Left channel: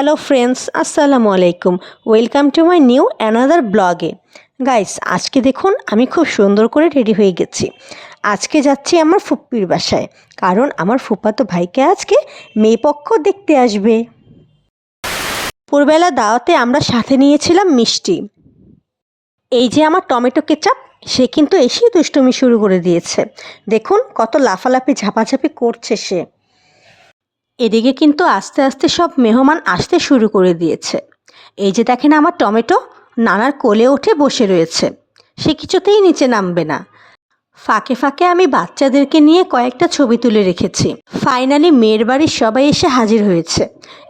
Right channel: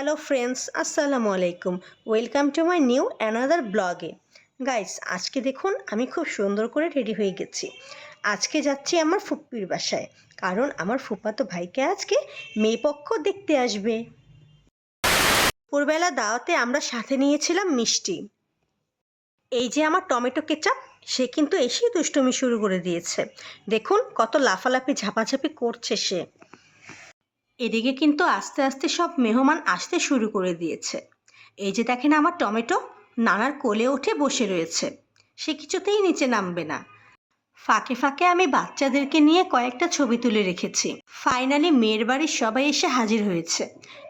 Hello friends, আসসালামু আলাইকুম। Welcome to my new another ব্লগে। গাইস, আজকে দেখুন আমি খুব সুন্দর করে রেডি হয়ে গেছি। আজকে যাচ্ছি আমার ফুপ্পির বাসায়, কারণ আমার ফুপ্পাতো ভাইকে আজকে মেয়েপক্ষ দেখতে আসবে। দুপুরবেলা দাওয়াতে আমরা সাথে নিয়েছিলাম মিষ্টি। এই যে আমার টমেটো কেচাপ, সে কিন্তু এসেই দুষ্টুমি শুরু করে দিয়েছে। দেখুন কত লাফালাফি ঝাপাঝাপি করছে সে। এদিকে কিন্তু আস্তে আস্তে সব মেহমান আসতে শুরু করে দিয়েছে। এই যে দেখেন আমার টমেটো নানার কোলে উঠে বসে রয়েছে, সে কিছুতেই নিচে নামবে না। ফাঁকে ফাঁকে আমি বাচ্চাদেরকে নিয়ে কয়েকটা ছবি তুলে রেখেছি। ফাইনালি মেয়ের বাড়ির সবাই এসে হাজির হয়েছে।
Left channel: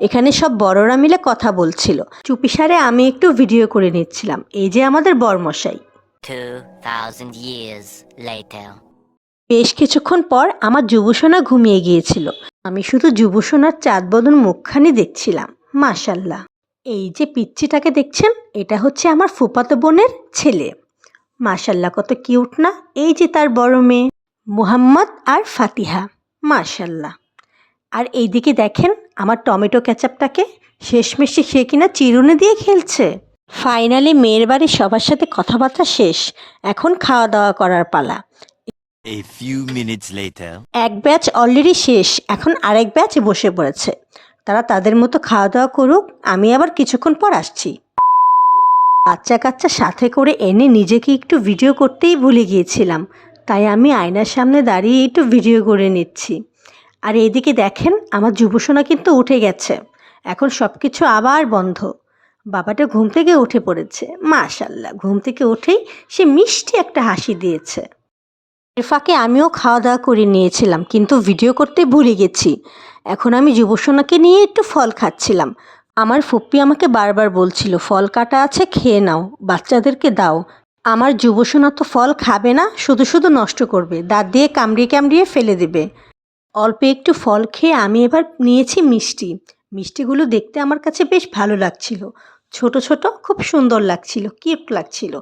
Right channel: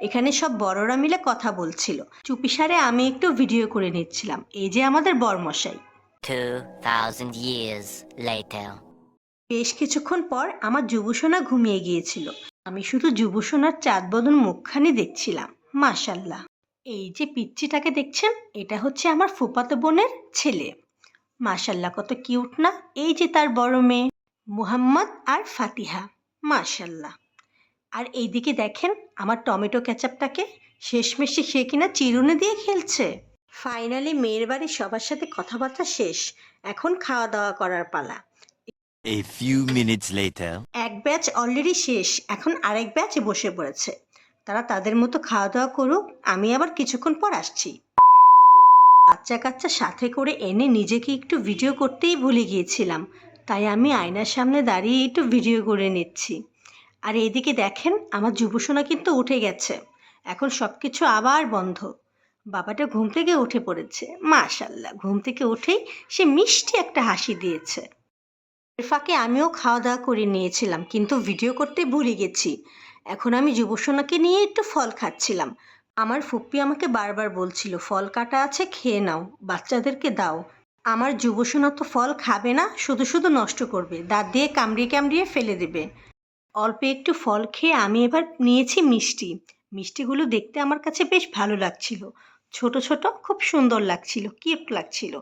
এখানে সব বড়রা মিলে কথা বলছিল, চুপিসারে আমি একটু ভিডিও করে নিচ্ছিলাম। এই যে আমাদের বরমশাই। 2000 years later. বেশ কিছুক্ষণ পর আমার যুবসোনা ঘুমিয়ে গিয়েছিল। আমি শুধু যুবসোনার চাঁদ বদন মুখখানি দেখছিলাম। মাশাল্লাহ। এই যে পিচ্চিটাকে দেখছেন, এটা হচ্ছে আমার ফুফাতো বোনের ছেলে। মাশাল্লাহ, কত কিউট না। এই যে তার বড় মেয়ে মুহাম্মদ আর ফাতিহা। মাশাল্লাহ। আর এইদিকে দেখেন আমার টমেটো কেচাপটাকে, শেষমেশে সে কিনা চিরুনি দিয়ে খেলছে। ফাইনালি মেয়ের বাড়ির সবার সাথে কথাবার্তা শেষ, এখন খাওয়া দাওয়া করার পালা। A few minutes later. এক ব্যাচ অলরেডি শেষ, এখন আরেক ব্যাচ বসে পড়েছে। তারা তাদের মতো খাওয়া দাওয়া করুক, আমি আবার কিছুক্ষণ পর আসছি। বাচ্চা কাচ্চা সাথে করে এনে নিজেকে একটু ভিডিও করতেই ভুলে গিয়েছিলাম, তাই আমি আয়নার সামনে দাঁড়িয়ে একটু ভিডিও করে নিচ্ছি। আর এইদিকে দেখেন আমার যুবসোনা কিন্তু উঠে গেছে, এখন সব কিছু আবার বন্ধ। বাবাটা ঘুম থেকে উঠে পড়েছে। মাশাল্লাহ, ঘুম থেকে উঠেই সে মিষ্টি একটা হাসি দিয়েছে। এর ফাঁকে আমিও খাওয়া দাওয়া করে নিয়েছিলাম, কিন্তু ভিডিও করতে ভুলে গেছি। এখন আমি যুবসোনাকে নিয়ে একটু ফল খাচ্ছিলাম। আমার ফুপ্পি আমাকে বারবার বলছিল, ফল কাটা আছে, খেয়ে নাও, বাচ্চাদেরকে দাও। আমার যুবসোনা তো ফল খাবে না, শুধু শুধু নষ্ট করবে, দাঁত দিয়ে কামড়িয়ে কামড়িয়ে ফেলে দেবে। অল্প একটু ফল খেয়ে আমি এবার নিয়েছি মিষ্টি। মিষ্টিগুলো দেখতে আমার কাছে বেশ ভালো লাগছিল, ছোট ছোট, খুব সুন্দর লাগছিল, কিউট লাগছিল।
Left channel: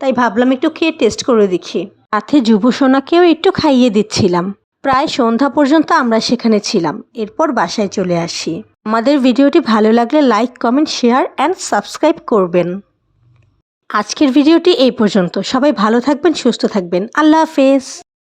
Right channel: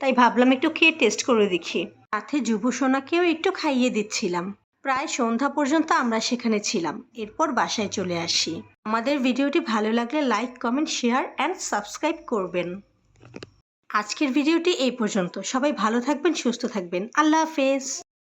তাই ভাবলাম একটু খেয়ে টেস্ট করে দেখি। সাথে যুবসোনাকেও একটু খাইয়ে দিচ্ছিলাম। প্রায় সন্ধ্যা পর্যন্ত আমরা সেখানে ছিলাম, এরপর বাসায় চলে আসি। আমাদের ভিডিওটি ভালো লাগলে like, comment, share and subscribe করবেন। আজকের ভিডিওটি এই পর্যন্ত। সবাই ভালো থাকবেন, সুস্থ থাকবেন। আল্লাহ হাফেজ।